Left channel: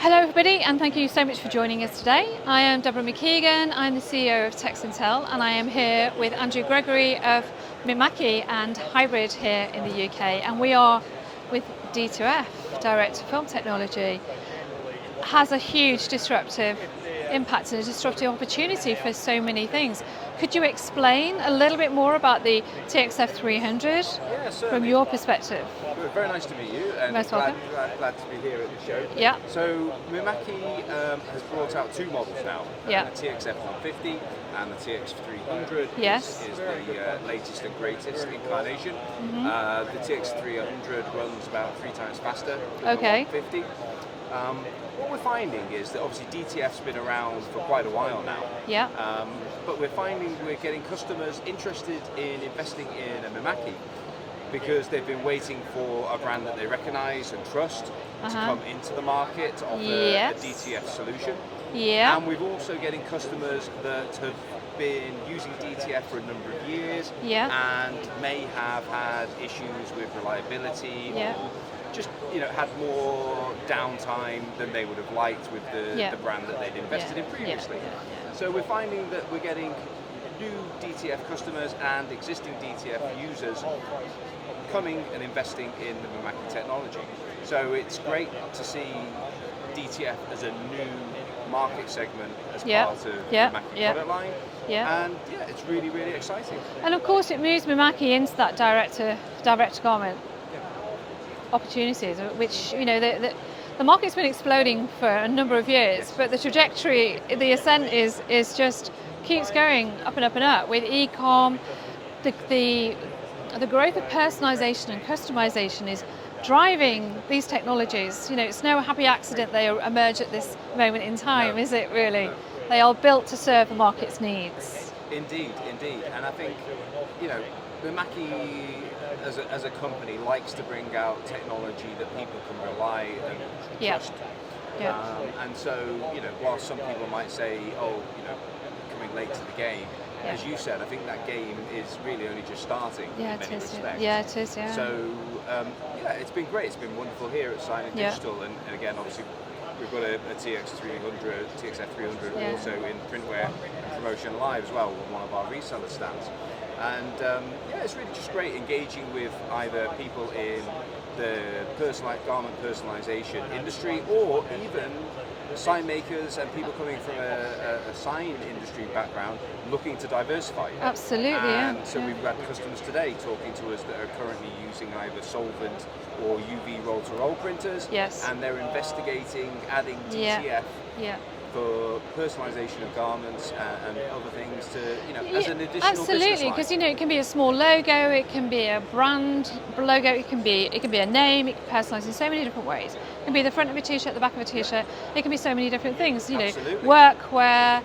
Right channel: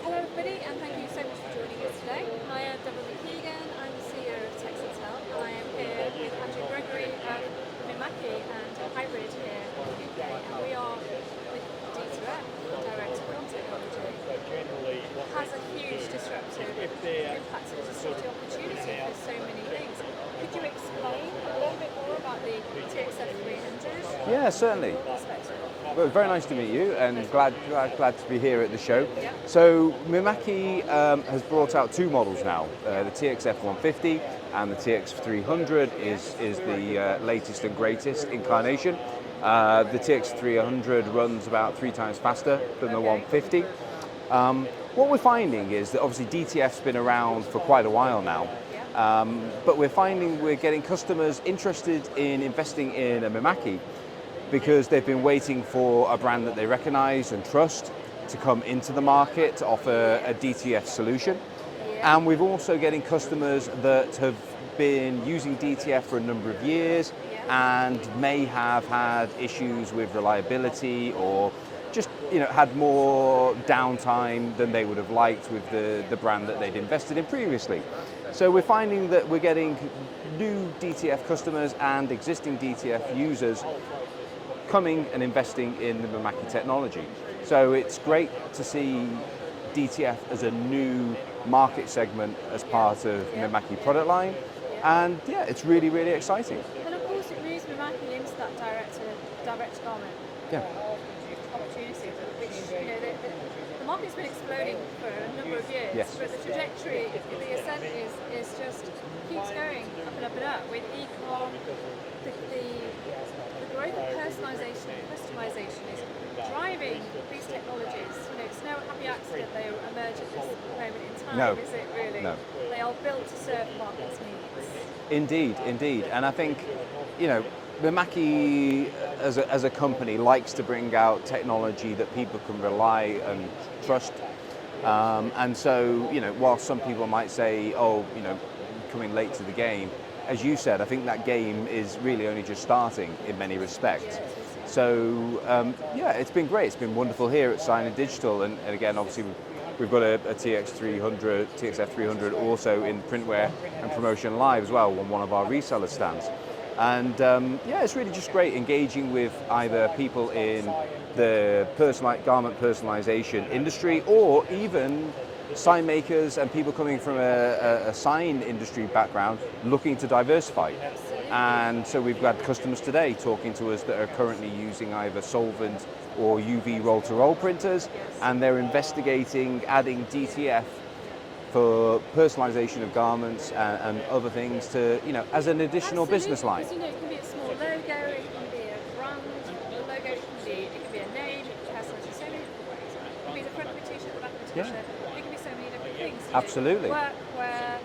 Hello everybody, and thank you so much for joining us today. I am Deborah McKeegan, I'm the CEO of Texintel, and I am here with Andrew Gregory of Mimaki and Hybrid here in the UK, and we are with D2F, Direct to Film Technology. Has a huge disruptive impact and a disruptive opportunity for so many things. Could you explain a little bit more about the TX F300 Yeah, certainly. from your perspective? Well, very nice to meet you, and Most glad welcome. to be here at the show. Yeah. So Mimaki has brought out two models now, Yeah. the TX F150 and the TX F300 Yes. is the latest and greatest incarnation. Mm-hmm. The TX F300 runs about 3 times faster than the Okay. 150. What we're finding is that obviously DTF's been around for quite a while now, Yeah. but we're finding we're getting customers interested in investing in a Mimaki because they've been waiting for a brand that they recognise and trust to come into the market to offer a Yes. DTF solution. Yeah. And we've also getting customers that have been using DTF for a number of years Yeah. and may have had issues with reliability Yeah. or just had more downtime than they would have liked with Yeah. the brand that they'd invested Yeah. in previously. So we're finding that we're getting new DTF customers and existing DTF users coming and investing in the Mimaki technology. So it's great to see DTF as a new market segment as Yeah. part of Yeah. the Mimaki Yeah. product line. Yeah. And yeah, it's really, really exciting. And of course it moves Mimaki into that direct to garment Yeah. opportunities, which the market's been exploding for a number of years, Yes. but the trajectory, the ascent is just keeps going up and up and up with e-com. The growth of personalization and customization is driving these technologies. It's no happy accident they emerge at this moment in time, No. is it really? No. They are built to serve the market's needs. Indeed, indeed. And I think, Mimaki as a company likes to bring out technology that people can rely and Yeah. trust. Yeah. And so, while some people might say, oh, coming late to the game, as you said, I think that game is really only just starting Yeah, in many it is, respects. Yeah, it is, yeah. So, it's been great. It's been wonderful here at Sign and Yeah. Digital. And again, obviously, we've got a TX 300, TX F300 Yeah. also in printwear and promotion live as well on one of our reseller stands. And it's really just great engaging with either people in the garment personalization industry or even sign makers and people coming from a sign industry background looking to diversify. Absolutely. And so we've got customers today talking to us that are currently using either solvent or UV roll-to-roll printers, Yes. and they're investigating adding DTF Yeah. for personalization of garments and other things to, as an additional business Absolutely, line. because it can be a small logo, it can be a brand logo, it can be a name, it can be personalised in so many different ways. It can be the front of a t-shirt, the back of a t-shirt. It can be so many different things. Absolutely. Workwear,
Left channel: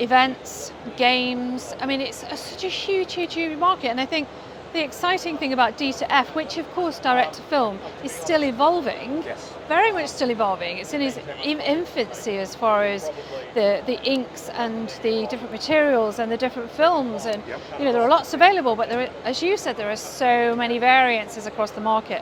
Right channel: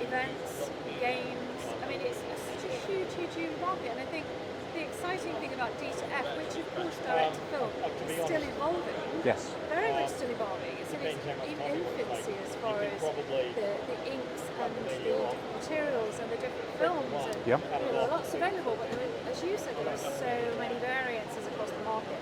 events, games. I mean, it's such a huge, huge, huge market, and I think the exciting thing about D2F, which of course direct to film, is still evolving. Yes. Very much still evolving. It's in its infancy as far as the inks and the different materials and the different films, and Yep. there are lots available, but as you said, there are so many variances across the market.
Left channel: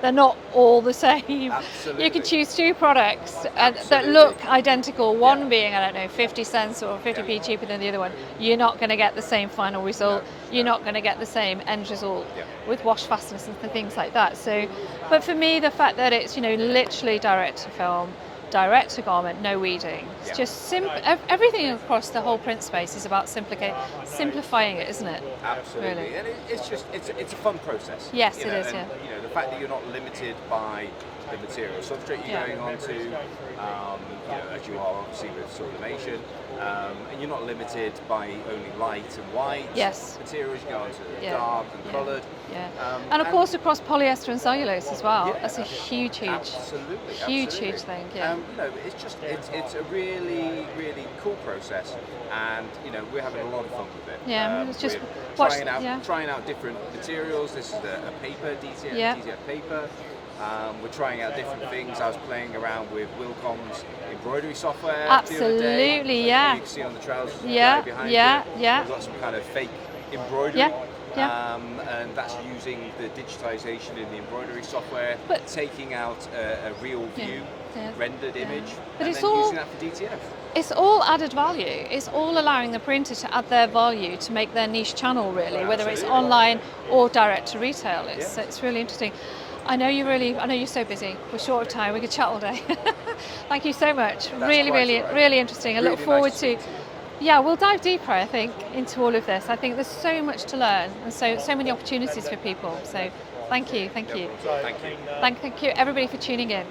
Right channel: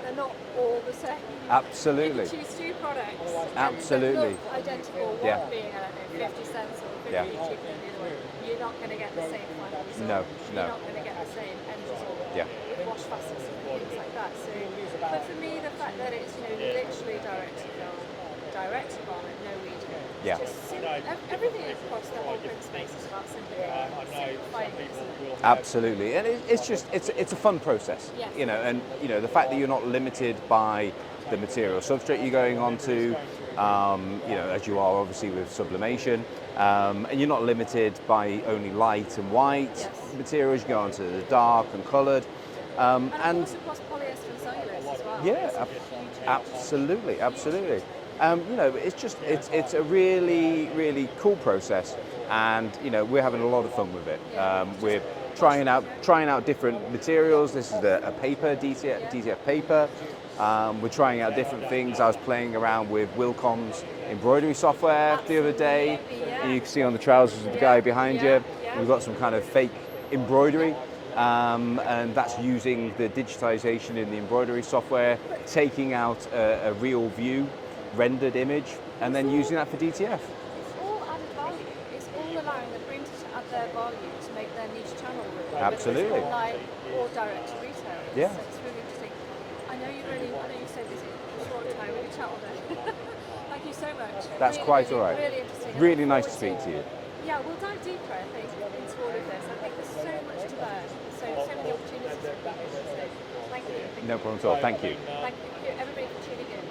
They're not all the same. Absolutely. You can choose two products that Absolutely. look identical, one Yeah. being, I don't know, 50 cents or 50p Yeah. cheaper than the other one. You're not going to get the same final result. No, You're no. not going to get the same end result Yeah. with wash fastness and things like that. So, but for me, the fact that it's literally direct to film, direct to garment, no weeding. Yeah. It's just everything across the whole print space is about simplifying it, isn't it? Absolutely, Really. and it's a fun process. Yes, it is, and yeah. the fact that you're not limited by the material substrate you're going on to, as you are obviously with sublimation, and you're not limited by only light and white Yes. materials. You go on to the Yeah. dark and coloured. Yeah. And of course across polyester and cellulose as well. Yeah, That's a huge absolutely, huge absolutely. thing. Yeah. It's a really, really cool process, and we're having a lot of fun with it. Yeah, it's just we're yeah. trying out different materials. This is a paper DTF, Yeah. DTF paper. We're trying out different things. I was playing around with Wilcom's embroidery software the other day. Absolutely, yeah. You can see on the trousers of the Yeah, guy behind yeah, you. yeah. We've got some kind of fake embroidery. Yeah, yeah. And that's using the digitization in the embroidery software, But- taking out a real view rendered image, But and it's then all- using that for DTF. It's all added value. It's all allowing the printer to add their value to make their niche channel really, whether it's Absolutely. online or direct to retail. Yeah. It's really interesting. I know you're so busy. We're short of time. We could chat all day. Thank you so much. That's really, quite really, all right. really interesting. I Really look forward nice to speak to you. Yeah, we'll dive deeper, I think, into all of this. I think there's so much to learn and so many opportunities for people. So thank you. No problem at all. Thank you. Thank you everybody for tuning in.